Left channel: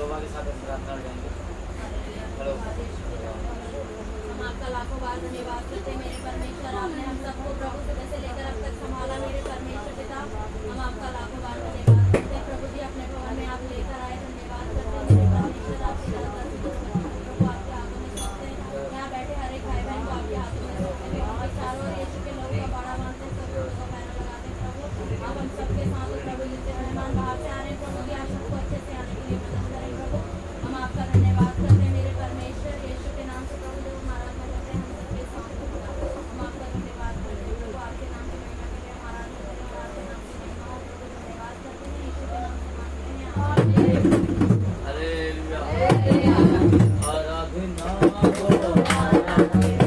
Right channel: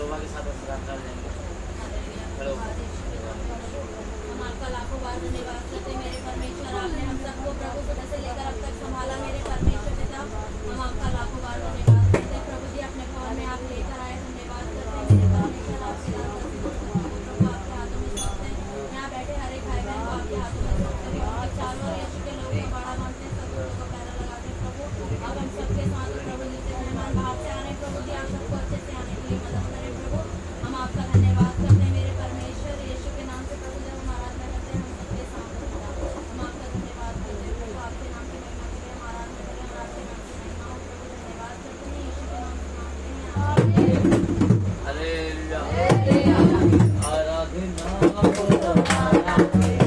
शोभा के साथ हम प्रार्थना कर जाएंगे। हेलो। हम आपका लाखों बार धन्यवाद करते हैं मेरे परमेश्वर, आपने हम सबको प्रभु सुबह से लेकर अब तक संभाला मेरे परमेश्वर पिता। हम आपका लाखों बार धन्यवाद करते हैं प्रभु जी, अपने भवन में आप लेकर आए, धन्यवाद करते हैं मेरे परमेश्वर। आपके प्रभु आपके हाथों में सौंपते हैं, यहाँ बैठे हर एक भाई बहन को आपके हाथों में सौंपते हैं और चारों ओर यीशु के लोग का बड़ा मानते हैं, सब लोगों का पैरा लगाते हैं प्रभु। अब हम सबके साथ प्रभु जिससे मेहमान बाहर से आने प्रभु जी, आप सबको अच्छे से आने के लिए मदद करें प्रभु। हम आपका धन्यवाद करते हैं मेरे परमेश्वर, यीशु के नाम से प्रभु जब हम आराधना करते हैं हम सबके साथ हम आपका धन्यवाद करते हैं प्रभु। आपके नाम की महिमा के लिए हम आराधना करें और आपके नाम की महिमा हो प्रभु, धन्यवाद करते हैं यीशु के नाम से मांगते हैं। हालेलुया। आराधना हो, आराधना।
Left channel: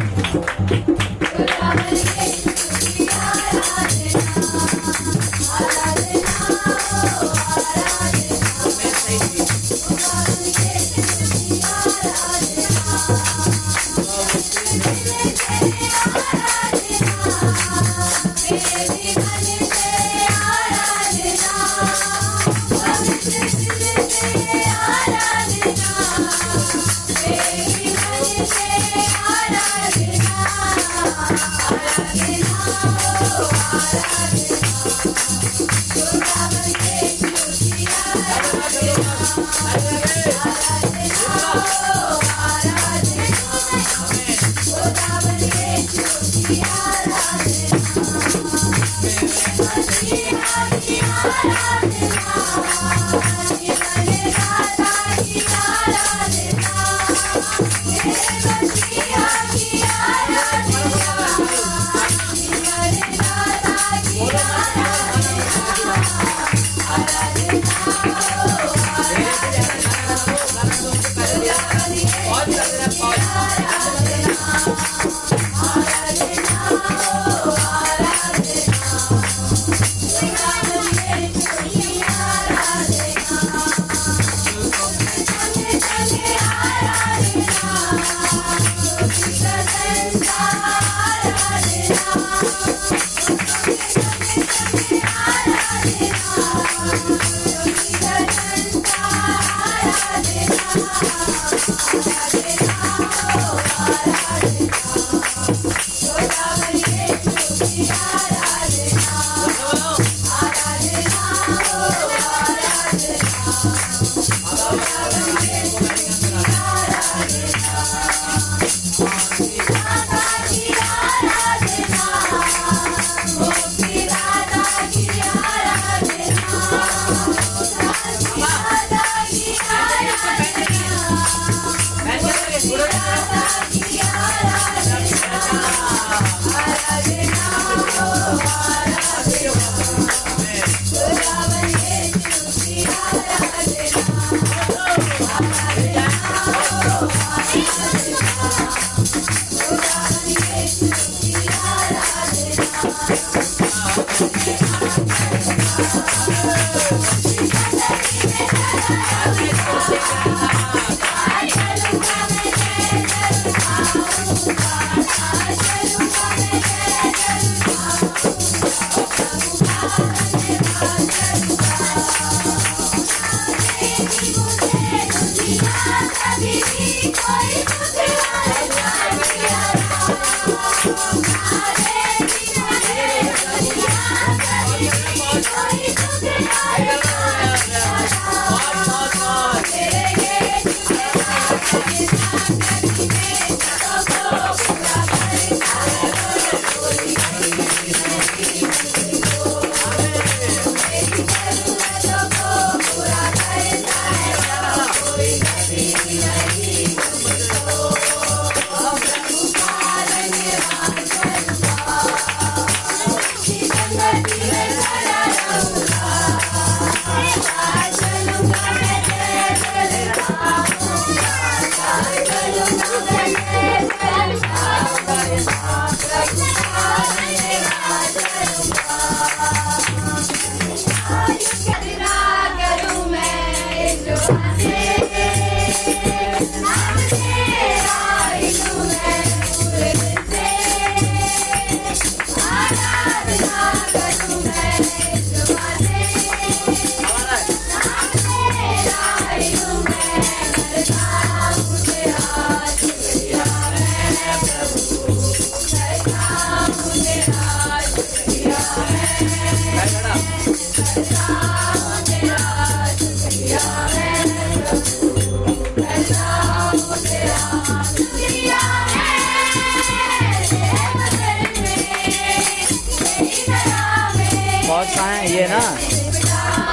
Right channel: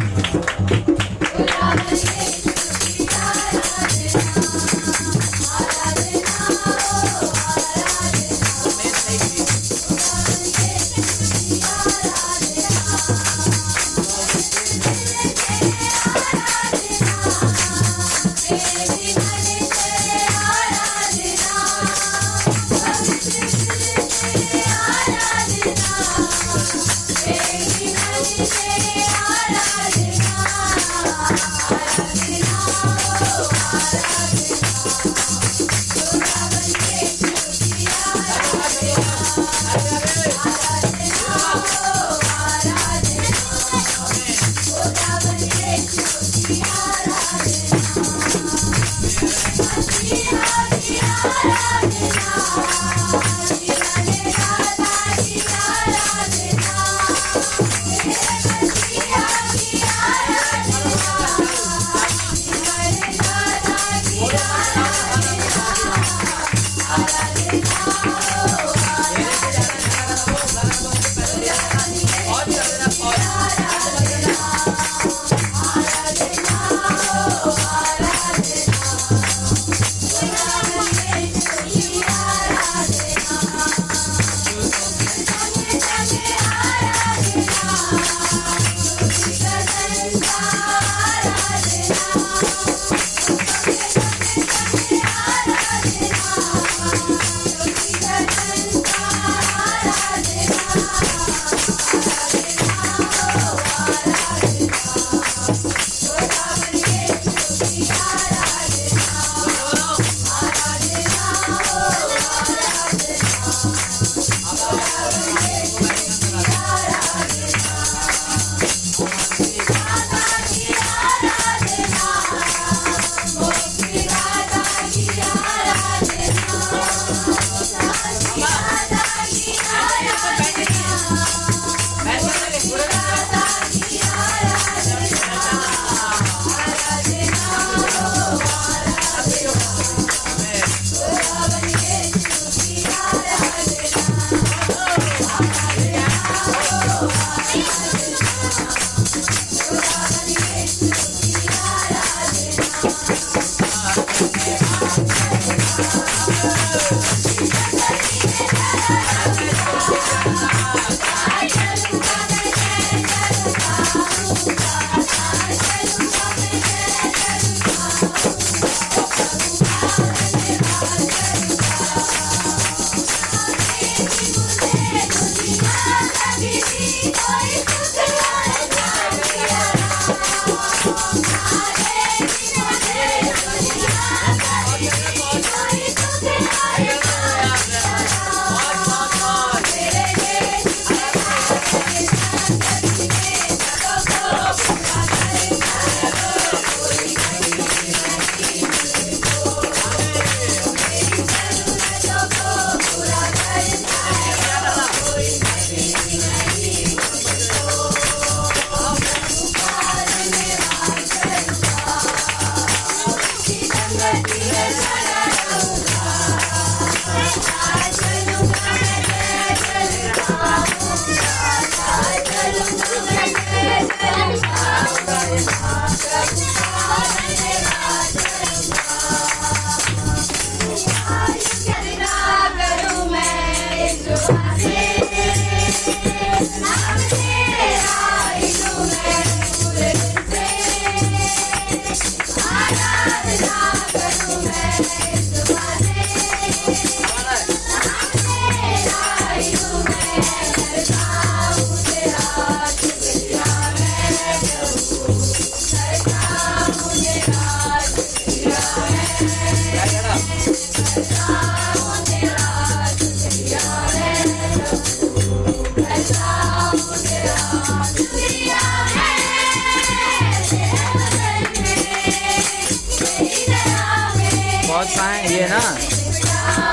आवाज कहाँ है? ये ना ऐसे बन के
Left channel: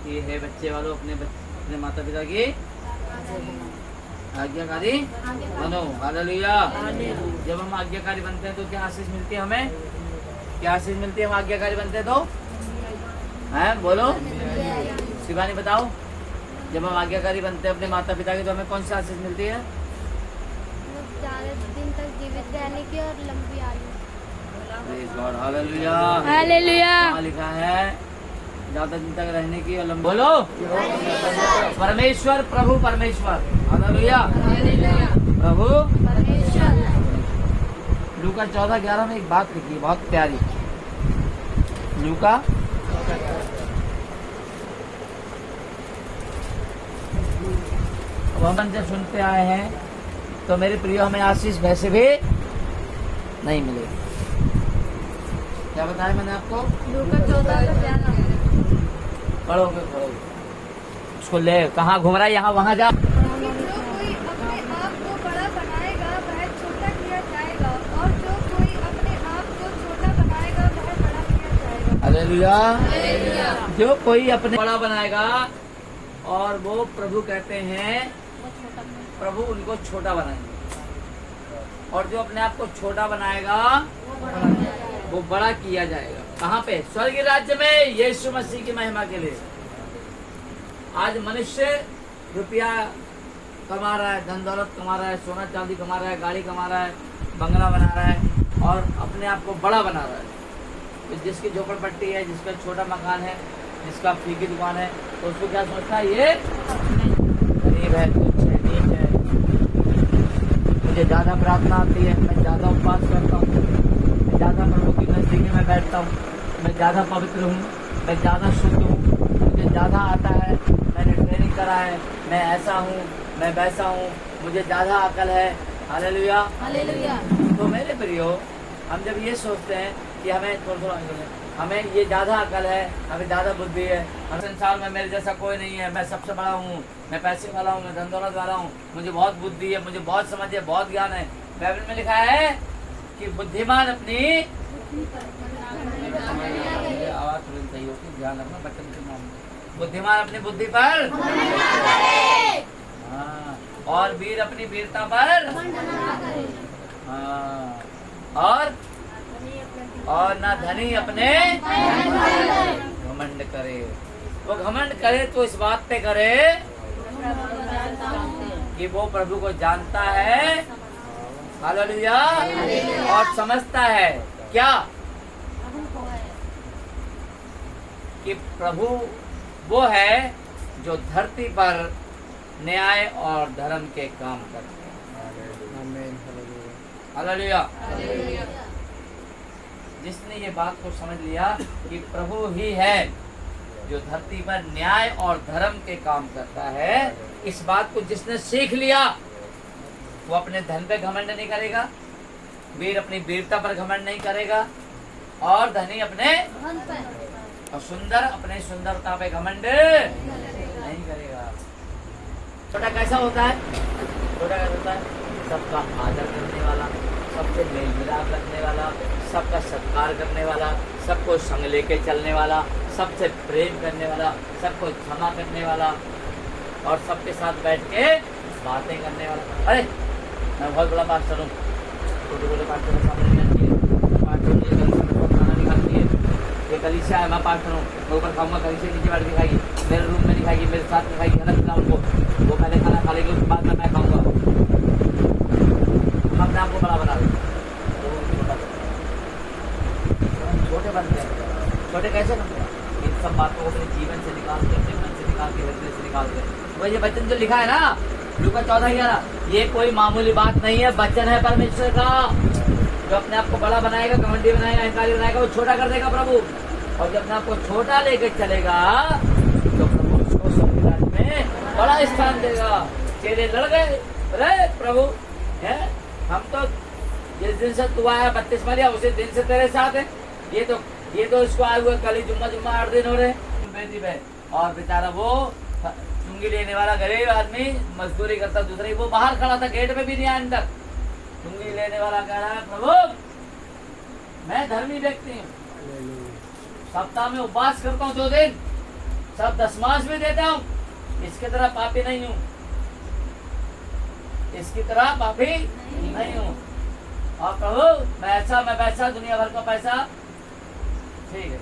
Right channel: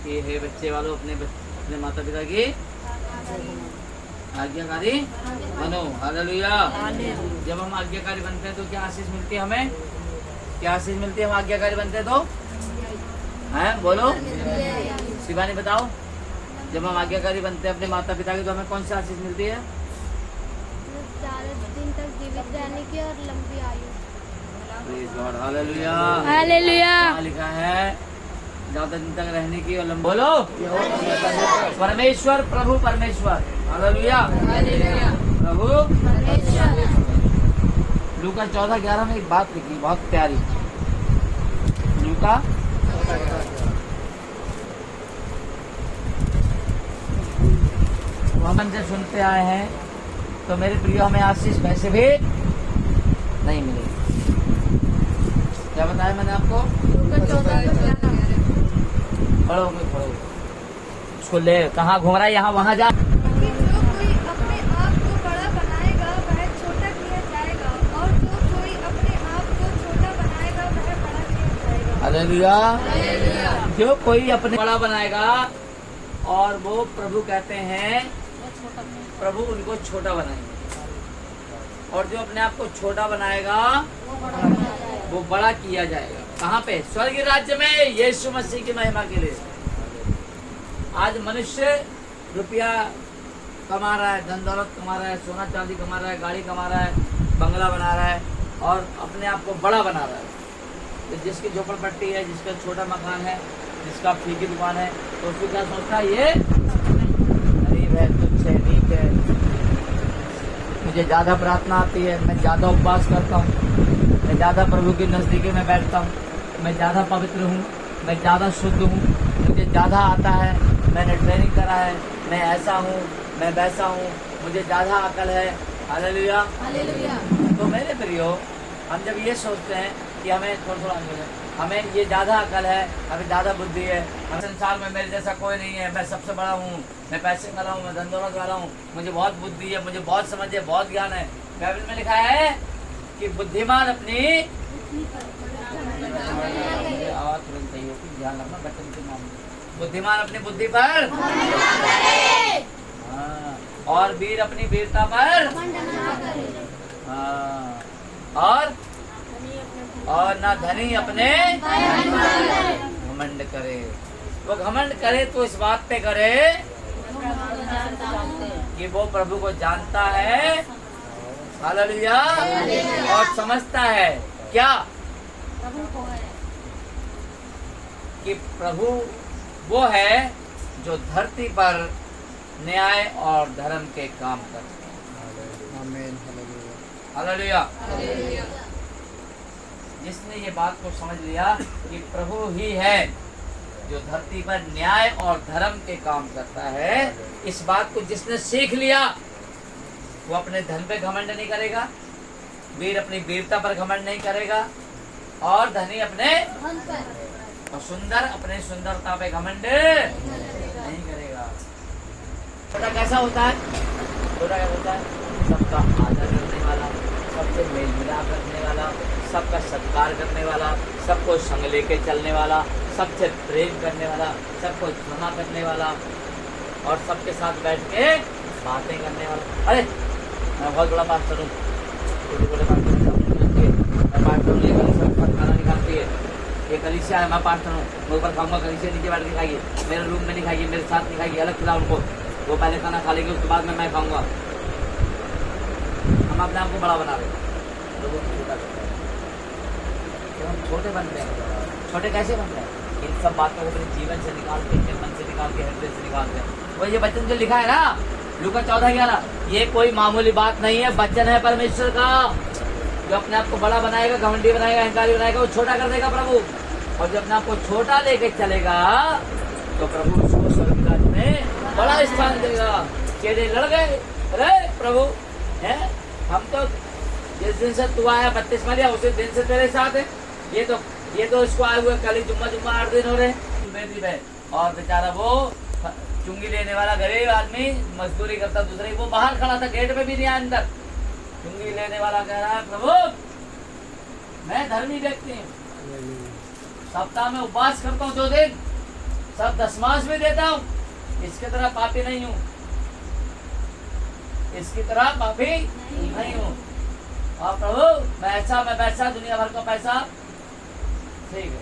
लगे। हे बच्चे वालों अपने माता पिता की आज्ञाकारी बनो। हालेलुया। जब हम आज्ञाकारी बनते हैं तो क्या आशीष मिलती है हमें? क्या आशीष मिलती है हम आज्ञाकारी बनते हैं तो? हैं बोलो शिवानी बताओ। जब हम आज्ञाकारी बनते हैं अपने माता पिता की तो हमें कौन सी आशीष मिलती है? ज़्यादा दिन तक जीवित रहने की और लंबी आयु। हालेलुया। हालेलुया। वहाँ लिखा है ज्यादा दिन तक रहने की और लंबी। बोलो परमेश्वर प्रभु परमेश्वर। हालेलुया। प्रभु परमेश्वर। लूका 14:11 में एक बात लिखी बहुत प्यारी। लूका हम जब सुनते आए हैं तो मेरे प्रिय हमें आशीष वैसे भी नहीं मिले। क्या बताया मैंने आपको? लूका 14 का क्या नाम है? खड़ो उसको ले, कहाँ घूम रहा है, यहाँ वहाँ जा। कि जो कोई अपने आप को बड़ा बनाएगा वह छोटा किया जाएगा, और जो कोई अपने आप को छोटा बनाएगा वह बड़ा किया जाएगा। हालेलुया। जो कोई अपने बड़ा बनाएगा, और वो प्रभु कहते हैं प्रभु उनको छोटा बनाएंगे, और जो अपने आप को छोटा बनाएगा वो बड़ा किया जाएगा। कहाँ पे? स्वर्ग राज्य में यीशु मसीह की महिमा के लिए। आज मनुष्य रुपया कमा रहा है, धन दौलत कमा रहा है, सोना चांदी कमा रहा है, गाड़ी कमा रहा है, बंगला बना रहा है, और अपने आप को बड़ा बना रहा है। तो जिसकी झोपड़पट्टी है, जिसका छोटा मकान है, जिसका फी की दुकान है, तो उसको क्या सोचता है? ये गरीब है, तुच्छ है, नीच है, मुझे ज्यादा प्रार्थना आती है, मैं ज्यादा उपवास करता हूँ, मैं ज्यादा प्रभु की नजदीकी में बैठता हूँ, मैं ज्यादा पवित्र हूँ, मैं ज्यादा शुद्ध हूँ, मुझे ज्यादा आता है, मैंने ट्रेनिंग करा है, मैं ऐसा हूँ, मैं वैसा हूँ, मुझे ज्यादा अकल है। हालेलुया। हालेलुया। तो मेरे प्रियो, हम जब ये सोचते हैं कि हमें थोड़ा हमें ये ज्यादा अकल है, हमें ज्यादा बुद्धि है, हर संसार में मेरे जैसा कोई नहीं है, मैं सबसे बड़ा हूँ, मैं पैसे वाला हूँ, मैं धन दौलत वाला हूँ, मुझे बहुत बुद्धि है, मुझे बहुत समझ है, बहुत ज्ञान है। बाइबल में लिखा है कि बुद्धिमान अपनी आवाज तुरंत सही होगी, ध्यान रखना बच्चों के मामले। बुद्धिमान अपनी बुद्धि पर, हाँ, और वीर अपनी वीरता पर, हाँ, और ना धनी अपने घमंड करे। वो घमंड करे तो इस बात पे करे कि वो प्रभु को जानता है, हालेलुया, और समझता है क्या? कि प्रभु वो है जो धरती पर न्याय और धर्म के काम करते हैं। हालेलुया। जिसने ये बात को समझ लिया कि प्रभु ही है जो धरती पर न्याय और धर्म के काम करता है, इस बात को जिसने सीख लिया, वो अपने धन पे घमंड नहीं करेगा, वीर अपनी वीरता पर घमंड नहीं करेगा, और धनी अपने और सुंदर अपने सुंदरता पे घमंड नहीं करेगा। छोटा कैसा होता है? छोटा कैसा होता है? सबका आदर करने वाला, सबसे मेल मिलाप रखने वाला, सबका सत्कार करने वाला, सबको संग लेके चलने वाला, सबसे प्रेम करने वाला, सबको क्षमा करने वाला, और सबके साथ बैठ के बातें करने वाला। अरे मैं बहुत बड़ा पास्टर हूँ, बोले पास्टर के सामने नहीं आती है, मैं पास्टर हूँ, लेकर सब पर खाना निकालती है, ये कलीसिया है, मैं पास्टर हूँ, मैं ऊपर खाऊंगा, कलीसिया नीचे बैठ के खाइए, मेरे रूम में नहीं खाइए, मेरे साथ में खाइए, अलग ना उनको, वो पहले खाना खा लेंगे, उसके बाद में मैं खाऊंगा। हम अपने आप को बड़ा बना रहे, हम छोटे बनते हैं। छोटे कैसे बनते हैं? इन सब बातों को अपने जीवन से निकाल के, मन से निकाल के, हृदय से निकाल के। तो ये वचन जो लिखा है ना, लूका 14:11, ये कोई मामूली बात नहीं है, वचन है परमेश्वर का। जो अपने आप को बड़ा बनाएगा, घमंडी बनाएगा, अहंकारी बनाएगा, वो छोटा कर देगा प्रभु। और जब अपने आप को छोटा लेके चलेगा तो प्रभु उसको स्वर्ग राज्य में बड़ा स्थान देगा। चेहरे लड़ गए, अरे प्रभु है, हम तो जिस दिन से तू आया 32 लिया, उसी दिन से तेरे साथ है। ये तो इसको आए हुए कल जुम्मा 8 दिन हो रहे। और बेचारा वो चुंगी लेने वाला गरीब आदमी मजदूरी करता, दूसरा वो बाहर खड़ा था, गेट पे भी नहीं आया अंदर। चुंगी लेने वाला कह रहा है, प्रभु मैं धर्मी व्यक्ति हूँ, सप्ताह में उपवास करता हूँ 2 दिन, सब दशमांश भी देता हूँ, इसकी तरह पापी नहीं हूँ, इसकी तरह पापी नहीं हूँ। और प्रभु मैं ऐसा, मैं वैसा, दुनिया भर का पैसा, ठीक है,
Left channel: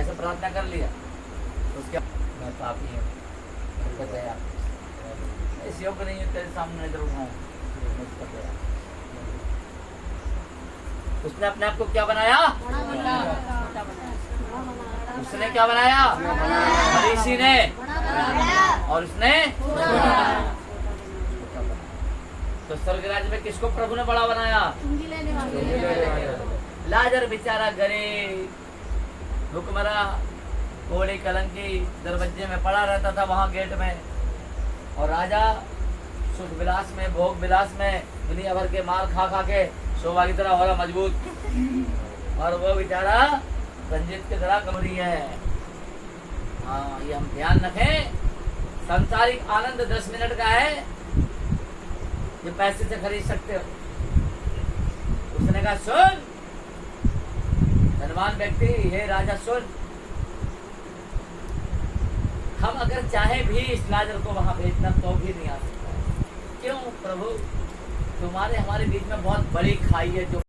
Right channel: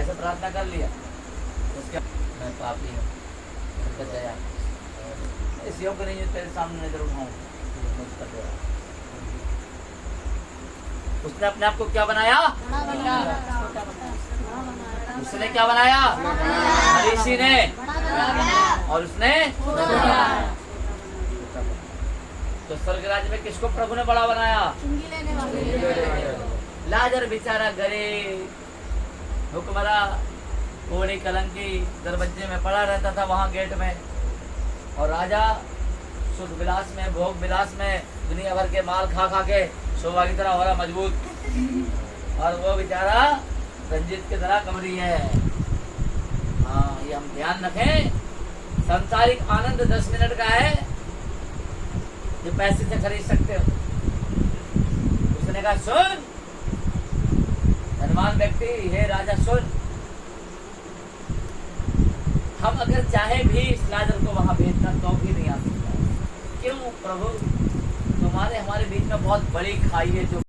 ऐसे प्रार्थना कर लिया, उसके मैं पापी हूँ, दया इस योग्य नहीं है तेरे सामने नजर उठाऊं, मुझ पर दया। उसने अपने आप को क्या बनाया? उसने क्या बनाया? फरीसी ने, और उसने तो स्वर्ग राज्य में किसको प्रभु ने बड़ा बनाया? लाजर बेचारा गरीब, भूखमरा, कोड़ी कलंकी, दरवाजे में पड़ा रहता था वहां गेट में, और राजा सुख विलास में, भोग विलास में, दुनिया भर के माल खा खा के शोभा की तरह हो रहा मजबूत, और वो बेचारा रंजित की तरह कमरी है। हाँ, ये हम ध्यान रखें। सांसारिक आनंद 10 मिनट का है, जो पैसे से खरीद सकते हो। उसने कहा सुन धनवान व्यक्ति, हे राजा सुन, हम अगर चाहे भी इस लाजर को वहां भेजना तो भी नहीं आ सकता। क्यों प्रभु? तुम्हारे हमारे बीच में बहुत बड़ी खाई है जो